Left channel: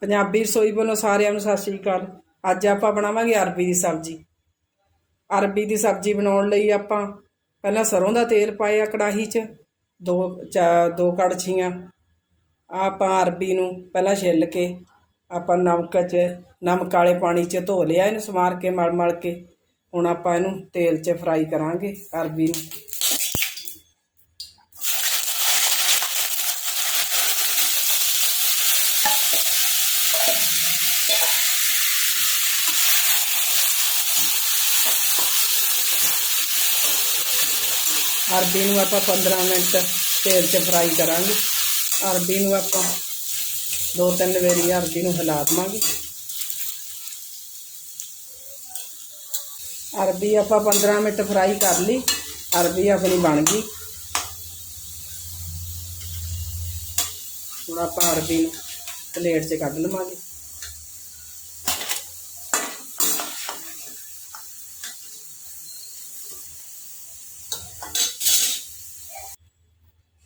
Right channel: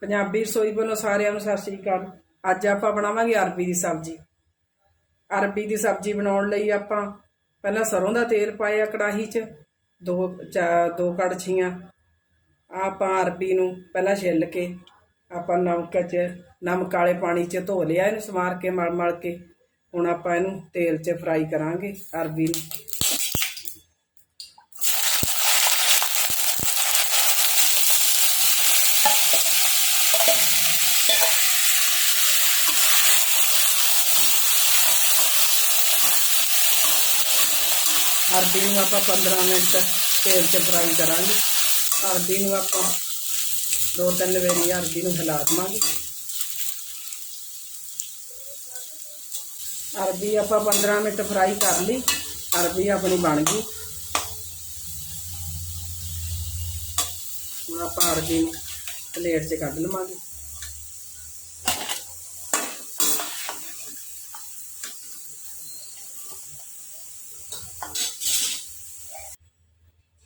ਪੰਜਾਬੀ ਰਸੋਈ ਵੱਲੋਂ ਸਾਰਿਆਂ ਨੂੰ ਸਤਿ ਸ੍ਰੀ ਅਕਾਲ। ਅੱਜ ਆਪਾਂ ਬਣਾਵਾਂਗੇ ਅਰਬੀ ਦੀ ਸਬਜ਼ੀ। ਅਰਬੀ ਦੀ ਸਬਜ਼ੀ ਬਣਾਉਣ ਲਈ ਆਪਾਂ ਪਹਿਲਾਂ ਸਰੋਂ ਦਾ ਤੇਲ ਪਾਇਆ ਕੜਾਹੀ 'ਚ, ਦੋ ਚਾ- ਦੋ ਕੜਛੀਆਂ। ਆਪਾਂ ਅਰਬੀ ਨੂੰ ਪਹਿਲਾਂ ਛਿੱਲ ਕੇ ਆਪਾਂ ਨਮਕ 'ਚ, ਨਮਕ ਵਾਲੇ ਪਾਣੀ 'ਚ ਧੋ ਲਿਆ ਇਹਨੂੰ ਸਮਾਰ ਕੇ ਮਲ ਮਲ ਕੇ। ਹੁਣ ਆਪਾਂ ਇਹਨੂੰ ਤੇਲ 'ਚ ਫਰਾਈ ਕਰਾਂਗੇ ਅਰਬੀ ਨੂੰ। ਅਰਬੀ ਨੂੰ ਆਪਾਂ 15 ਮਿੰਟ ਤੇਲ 'ਚ ਫਰਾਈ ਕਰਾਂਗੇ। ਅਰਬੀ ਨੂੰ ਆਪਾਂ ਦੋ ਤਿੰਨ ਵਾਰੀ ਅਰਬੀ ਨੂੰ ਹਿਲਾ ਦੇਵਾਂਗੇ। ਅਰਬੀ ਆਪਾਂ 15 ਮਿੰਟ ਫਰਾਈ ਕਰ ਲਈ। ਅਰਬੀ ਆਪਣੀ ਬਣ ਗਈ। ਹੁਣ ਆਪਾਂ ਅਰਬੀ ਨੂੰ ਪਲੇਟ 'ਚ ਕੱਢ ਲਵਾਂਗੇ।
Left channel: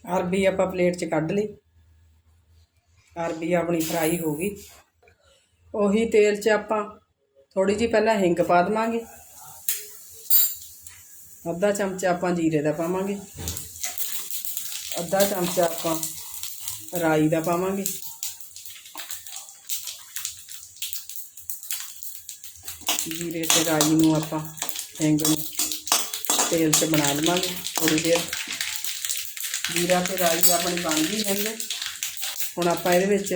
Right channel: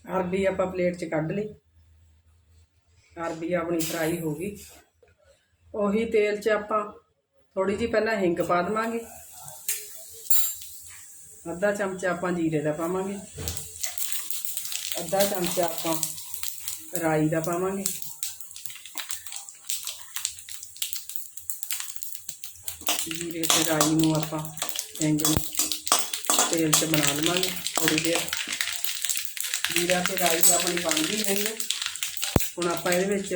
ਅਰਬੀ ਆਪਾਂ ਪਲੇਟ 'ਚ ਕੱਢ ਲਈ। ਅਰਬੀ ਆਪਣੀ ਫਰਾਈ ਹੋ ਗਈ। ਉਹੀ ਤੇਲ 'ਚ ਆਪਾਂ ਥੋੜੀ ਜਿਹੀ ਪਹਿਲਾਂ ਹਿੰਗ ਪਾ ਦੇਵਾਂਗੇ। ਅੱਧਾ ਚਮਚਾ ਆਪਾਂ ਜੀਰੇ ਦਾ ਪਾਵਾਂਗੇ। ਅੱਧਾ ਚਮਚਾ ਆਪਾਂ ਰਾਈ ਦਾ ਪਾਵਾਂਗੇ। ਜੀਰੇ ਤੇ ਰਾਈ ਨੂੰ ਆਪਾਂ ਹਿੰਗ ਨੂੰ ਤੇਲ 'ਚ ਬਣਾ ਲਵਾਂਗੇ ਥੋੜੀ ਦੇਰ। ਜੀਰਾ ਤੇ ਰਾਈ ਆਪਣੀ ਬਣ ਗਈ ਹੈਗੀ। ਹੁਣ ਆਪਾਂ ਇਹਦੇ ਵਿੱਚ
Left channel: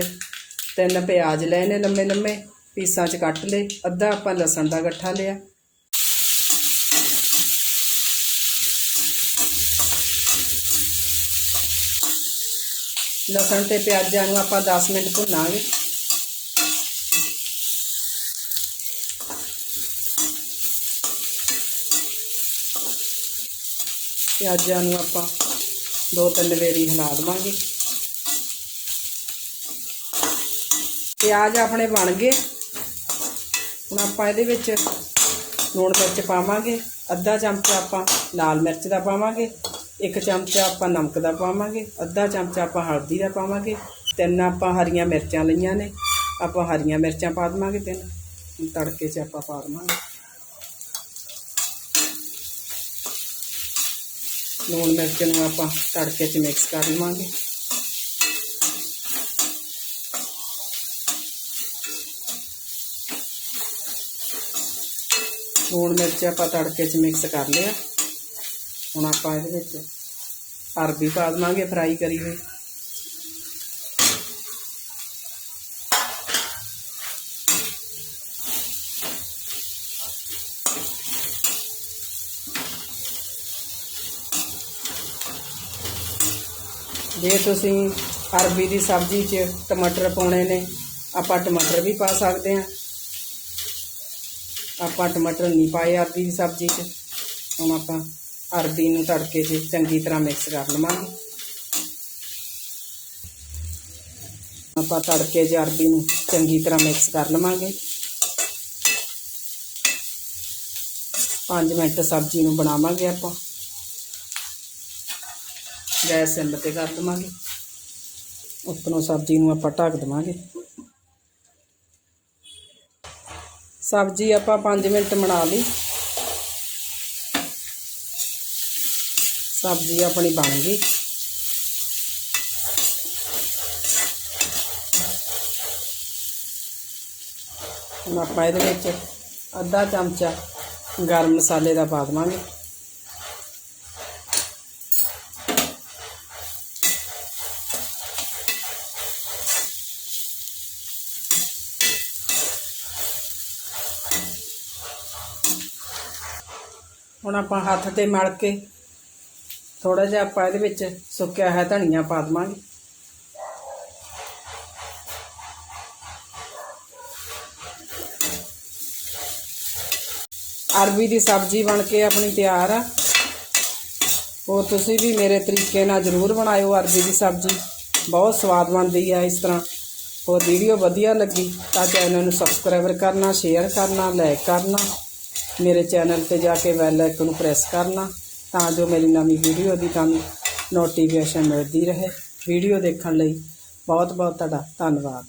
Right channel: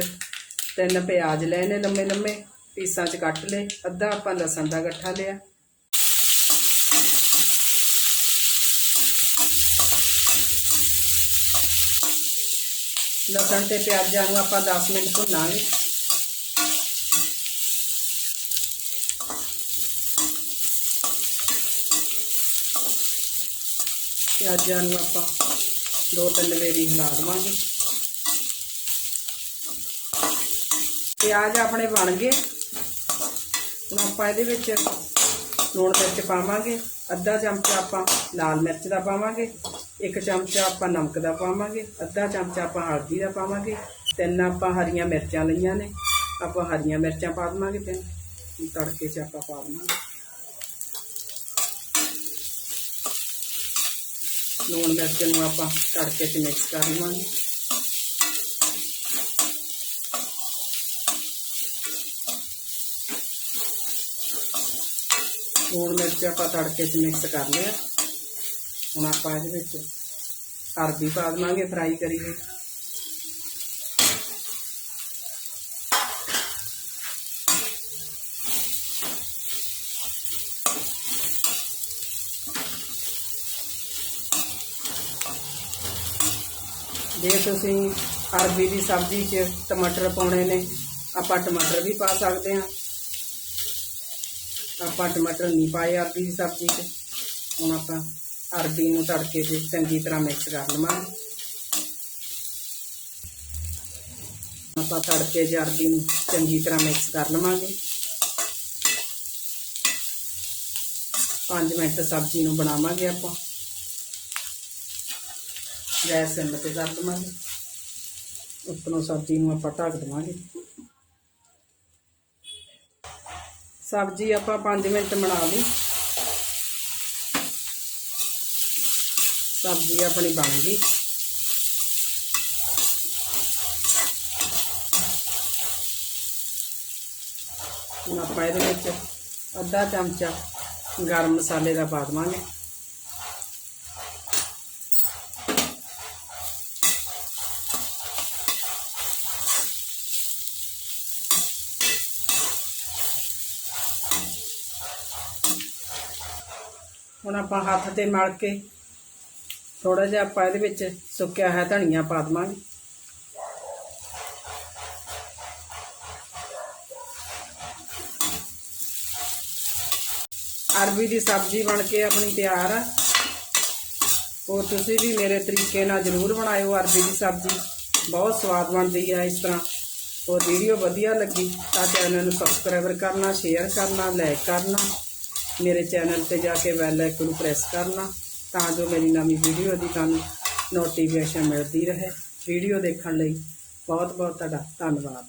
ਤਿੰਨ ਪਿਆਜ਼ ਲਏ ਨੇ ਲੰਮੇ ਲੰਮੇ, ਪੀਸਾਂ 'ਚ ਕੱਟ ਲਏ, ਅੱਧਾ ਆਪਾਂ ਲਸਣ ਦਾ ਗੱਠਾ ਲਿਆ। ਲਸਣ ਤੇ ਪਿਆਜ਼ਾਂ ਨੂੰ ਆਪਾਂ 10 ਮਿੰਟ ਭੁੰਨਾਂਗੇ। ਪਿਆਜ਼ਾਂ ਨੂੰ ਆਪਾਂ ਦੋ ਤਿੰਨ ਵੇਰੀ ਹਿਲਾ ਦੇਵਾਂਗੇ। ਪਿਆਜ਼ ਆਪਣੇ ਬਣ ਗਏ। ਹੁਣ ਆਪਾਂ ਇਹਦੇ ਵਿੱਚ ਲੂਣ ਮਿਰਚ ਪਾਵਾਂਗੇ। ਅੱਧਾ ਚਮਚਾ ਆਪਾਂ ਲਾਲ ਮਿਰਚ ਦਾ ਪਾਵਾਂਗੇ। ਇੱਕ ਚਮਚਾ ਆਪਾਂ ਨਮਕ ਦਾ ਪਾਵਾਂਗੇ। ਅੱਧਾ ਚਮਚਾ ਆਪਾਂ ਹਲਦੀ ਦਾ ਪਾਵਾਂਗੇ। ਤਿੰਨ ਆਪਾਂ ਹਰੀਆਂ ਮਿਰਚਾਂ ਲਈਆਂ ਨੇ। ਆਪਾਂ ਹਰੀਆਂ ਮਿਰਚਾਂ ਪਾ ਦੇਵਾਂਗੇ ਤਿੰਨ ਤੜਕੇ 'ਚ ਆਪਾਂ ਪਾ ਦੇਵਾਂਗੇ। ਲੂਣ ਮਿਰਚ ਨੂੰ ਆਪਾਂ ਤੜਕੇ 'ਚ ਮਿਕਸ ਕਰ ਲਵਾਂਗੇ ਲੂਣ ਮਿਰਚ ਆਪਾਂ ਤੜਕੇ 'ਚ ਮਿਕਸ ਕਰ ਲਿਆ ਹੁਣ ਆਪਾਂ ਇਹਦੇ ਵਿੱਚ ਅਰਬੀ ਪਾ ਦੇਵਾਂਗੇ ਫਰਾਈ ਕਰੀ ਹੋਈ ਜੇ ਤੁਸੀਂ ਅਰਬੀ ਦੀ ਸਬਜ਼ੀ 'ਚ ਟਮਾਟਰ ਪਾਉਣੇ ਨੇ, ਆਪਾਂ ਟਮਾਟਰ ਵੀ ਪਾ ਸਕਦੇ ਹਾਂ। ਆਪਾਂ ਟਮਾਟਰ ਨਹੀਂ ਪਾਏ ਅਰਬੀ ਦੀ ਸਬਜ਼ੀ 'ਚ, ਹੁਣ ਆਪਾਂ ਅਰਬੀ ਨੂੰ ਤੜਕੇ 'ਚ ਚੰਗੀ ਤਰ੍ਹਾਂ ਮਿਕਸ ਕਰ ਲਵਾਂਗੇ। ਆਪਾਂ ਤੜਕੇ 'ਚ ਅਰਬੀ ਨੂੰ ਚੰਗੀ ਤਰ੍ਹਾਂ ਮਿਕਸ ਕਰ ਲਵਾਂਗੇ। 5 ਮਿੰਟ ਸਬਜ਼ੀ ਨੂੰ ਬਣਾਵਾਂਗੇ ਆਪਾਂ। ਗੈਸ ਸਿਮ ਤੇ ਕਰ ਦਵਾਂਗੇ। ਉੱਪਰੋਂ ਸਬਜ਼ੀ ਨੂੰ ਆਪਾਂ ਢੱਕ ਦਵਾਂਗੇ। ਸਬਜ਼ੀ ਆਪਾਂ 5 ਮਿੰਟ ਬਣਾ ਲਈ। ਸਬਜ਼ੀ ਆਪਣੀ ਬਣ ਗਈ। ਹੁਣ ਆਪਾਂ ਇਹਦੇ ਵਿੱਚ ਅੱਧਾ ਚਮਚਾ ਗਰਮ ਮਸਾਲੇ ਦਾ ਪਾ ਦੇਵਾਂਗੇ। ਹੁਣ ਆਪਾਂ ਹੱਥ ਤੇ ਮਲ ਕੇ ਥੋੜਾ ਜਿਹਾ ਆਪਾਂ ਇਹਦੇ ਵਿੱਚ ਸੁੱਕਿਆ ਹੋਇਆ ਧਨੀਆ ਪਾ ਦੇਵਾਂਗੇ। ਅਰਬੀ ਦੀ ਸਬਜ਼ੀ ਬਣ ਕੇ ਆਪਣੀ ਤਿਆਰ ਆ। ਹੋਰ ਤੁਸੀਂ ਵੀ ਮੇਰੇ ਤਰੀਕੇ ਨਾਲ ਜ਼ਰੂਰ ਬਣਾਇਓ ਅਰਬੀ ਦੀ ਸਬਜ਼ੀ। ਬਹੁਤ ਸਵਾਦ ਬਣਦੀ ਆ ਇਸ ਤਰ੍ਹਾਂ। ਹੋਰ ਵੀਡੀਓ ਵਧੀਆ ਲੱਗੀ ਤਾਂ ਚੈਨਲ ਨੂੰ ਸਬਸਕ੍ਰਾਈਬਰ ਕਰਨਾ, ਸ਼ੇਅਰ ਕਰਨਾ, ਲਾਈਕ ਕਰਨਾ। ਮੇਰੇ ਚੈਨਲ ਤੇ ਜਾ ਕੇ ਬੈਲ ਆਈਕਨ ਨੂੰ ਪ੍ਰੈਸ ਕਰਨਾ ਤਾਂ ਜੋ ਮੇਰੀ ਨਵੀਂ ਵੀਡੀਓ ਦੀ ਤੁਹਾਨੂੰ ਨੋਟੀਫਿਕੇਸ਼ਨ ਮਿਲਦੀ ਰਹੇ। ਵੀਡੀਓ ਦੇਖਣ ਲਈ ਬਹੁਤ ਬਹੁਤ ਤੁਹਾਡਾ ਧੰਨਵਾਦ।